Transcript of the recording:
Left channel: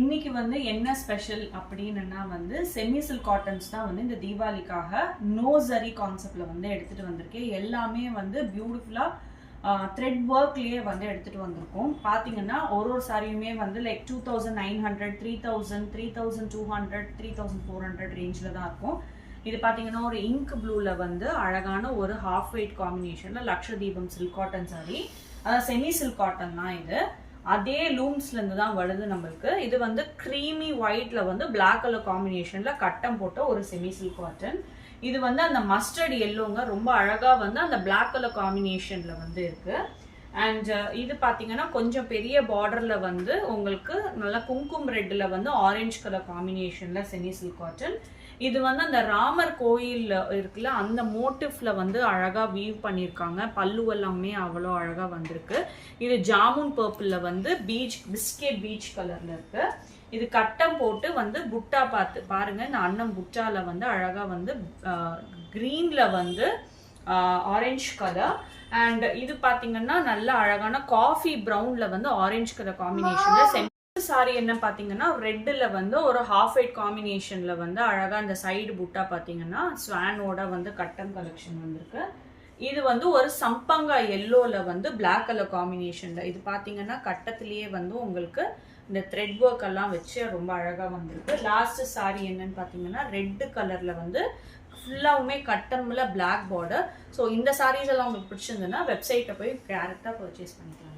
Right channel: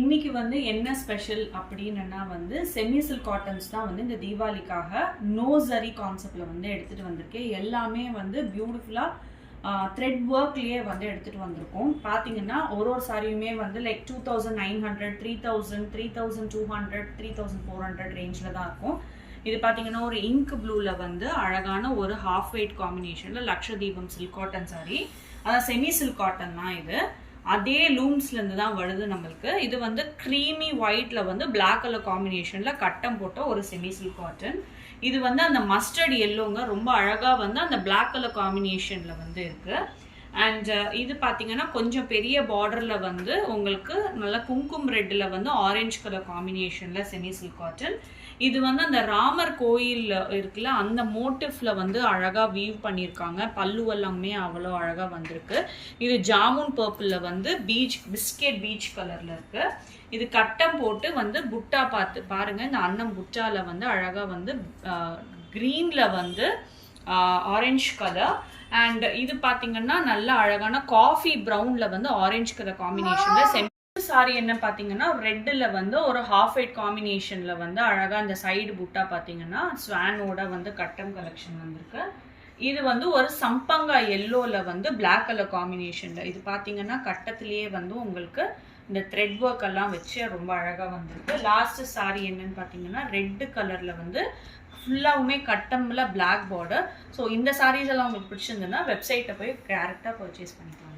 இன்னைக்கு வந்து என்ன ஸ்பெஷல் அப்படின்னா வந்து செமி சில்க் காட்டன்ஸ் தான் வந்து இந்த தீபாவளிக்காக நோ ஜரி கான்செப்ட்ல வந்து எடுத்துட்டு வந்திருக்கேன். எல்லாமே வந்து பியூட்டிஃபுல்லா த்ரெட் ஒர்க்லயே வந்து எடுத்துட்டு வந்திருக்கோம். பாத்தீங்கன்னா ஒரு சாரியுமே வந்து லைக் 2900, 3000, 3200, 3400 ரேஞ்சில் தான் இருக்கும். இது பார்த்தீங்கன்னா ஒரு இங்க் ப்ளூல வந்து அழகான ஒரு ஹாஃப் வெயிட் காம்பினேஷன்ல லக்ஷதீபம் சில்க் காட்டன் சாரி, அதான் செமி சில்க் காட்டன் தான் இது. அதே லூம்ஸ்ல இருந்து தான் வருது நம்மளுக்கு. இது வந்து க்ரீமி ஒயிட்ல வந்து பிளாக் கலர் காம்பினேஷன்ல கட்டம் போட்ட ஒரு செமி சில்க் காட்டன். இது வந்து அந்த மஸ்டர்ட் எல்லோங்க, ரொம்ப அழகா வந்து அந்த பிளாக் கலர் காம்பினேஷன்ல வந்து இருக்கு. அண்ட் இது பார்த்தீங்கன்னா கொஞ்சம் பெரிய பார்டர்ல வந்து உங்களுக்கு நல்லா குங்குமம் ரெட்ல வந்து ஆரஞ்சு கலர் காம்பினேஷன்ல செமி சில்க் காட்டன். இது வந்து அந்த ராமர் கோயில் இருக்குல்ல, அந்த மோட்டிவ்ல வந்து அழகா வீவ் பண்ணியிருக்காங்க. பல்லு எல்லாமே அவ்வளோ அழகா வந்திருக்கு. இது ஜாமுன் பர்பிள்ல வந்து பிஸ்கெட் பீச் கலர்ல இருக்கு. இது கட்டம் போட்டு வந்து புட்டா பார்த்து பாருங்க, இந்த அன்னம் புட்டால வந்து அழகா வந்து கிரீன்ல வந்து ஆரஞ்சு கலர். அண்ட் இது பாத்தீங்கன்னா நல்ல அழகான காஃபி ப்ரௌன்ல வந்து ஆரஞ்சு கலர் காம்பினேஷன்ல சாரி என்ன பாத்தீங்கன்னா ரெட்ல வந்து ஒரு ஹாஃப் ஒயிட் காம்பினேஷன்ல வந்து அழகா அந்த சைடு புட்டா பாத்தீங்கன்னா ஸ்வானோட வந்து கட்டம் கலெக்ஷன் வந்திருக்கு. இது வந்து ஒரு சம்பங்கா எல்லோல வந்து பிளாக் கலர் காம்பினேஷன்ல. இது பாத்தீங்கன்னா கட்டத்திலேயே வந்து உங்களுக்கு இந்த த்ரெட் ஒர்க் எல்லாம் வச்சு ரொம்ப அழகா வந்திருக்கு. லாஸ்ட் சாரி என்னன்னு பாத்தீங்கன்னா ரெட் கலர்ல வந்து ஃபுல்லாவுமே கட்டம்ல பிளாக் பார்டர். ஸோ இந்த சாரீஸ் எல்லாம் உங்களுக்கு பிடிச்சிருந்ததுன்னா வெப்சைட்டை போய் டேரக்டா பர்ச்சேஸ் பண்ணிக்கலாம்.